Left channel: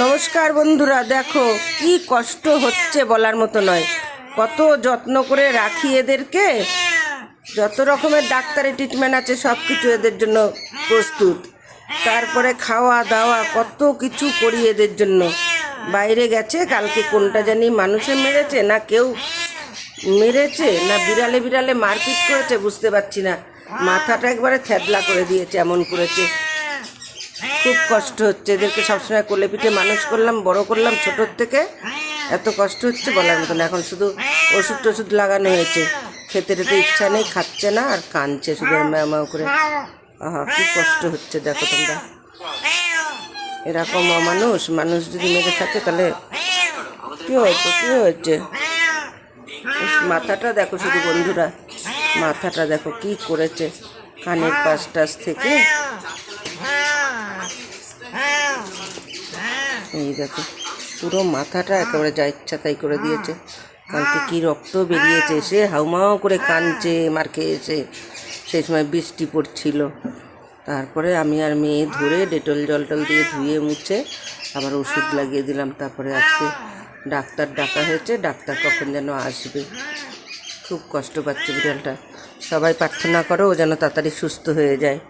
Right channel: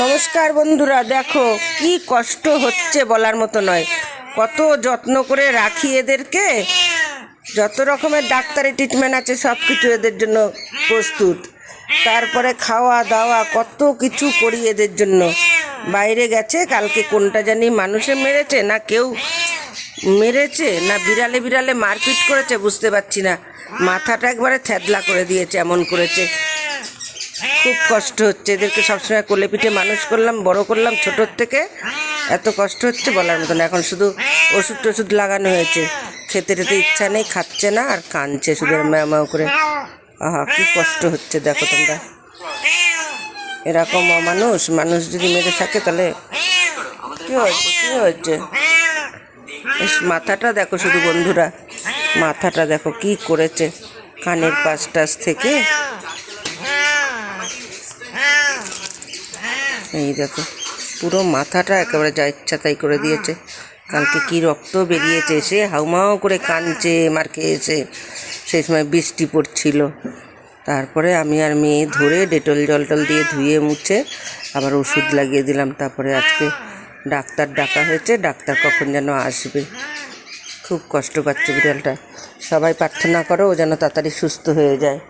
নমস্কার বন্ধুরা, দেখো কি কষ্ট হচ্ছে বলার মতো নয়। কত যত্ন করে রাখি এদেরকে, যত রকমের ডাক্তারি ট্রিটমেন্ট আছে সব কিছু এদের জন্য প্রস্তুত। তারপরে খাওয়া দাওয়া কত কিছু করি এদের জন্য। বাইরে গেছে, কালকে কোনটা জানি মানুষে মেরেছে না কেউ মেরেছে না বিড়ালে বিড়ালে মারপিট করেছে বুঝতে পারছি না। মাথাটা একবারে থ্যাদলা করে দিয়েছে, এমন করেছে। খুব কষ্ট হচ্ছে এদেরকে, সবসময় কোলে পিঠে মানুষ করলাম, বড় করলাম ছোটোর থেকে। এত কষ্ট হচ্ছে বলার মতো না। এখন শুধু ওষুধ টষুধ লাগানো হয়েছে, খেতে টেতে ইচ্ছা নেই, খাচ্ছে না আর কাঁদছে শুধু ম্যাও ম্যাও করে। আহা কি কষ্ট হচ্ছে দেখো তোমরা। এরকম অমানুষ মানুষ যদি মেরে থাকে তাহলে কী হয়েছে কী হয়েছে। মাথাটা দেখো শুধু বন্ধুরা, মাথাটা দেখো কি করেছে, কানের পাশ টাশ থেকে এই দেখো পুরো মাথাটা একেবারে যা ইচ্ছা তাই করে দিয়েছে। কালকে কি রক্ত বেরিয়েছে, সে হাউমাউ করে কাঁদছে মার খেয়েছে। সেই সময় বৃষ্টি পড়ছিল। তারপরে আমি আর মেয়ে ধরে ডেটল জল টল দিয়ে ধুয়ে মুছে আবার ওষুধ লাগিয়ে দিলাম। তারপরে আজকে ডাক্তার ডাকা হয়েছে, ডাক্তার কখন যেন আসবে। খুব কষ্ট পাচ্ছে বিড়ালটা। সবাই প্রার্থনা করো ও যেন তাড়াতাড়ি সুস্থ হয়ে যায়।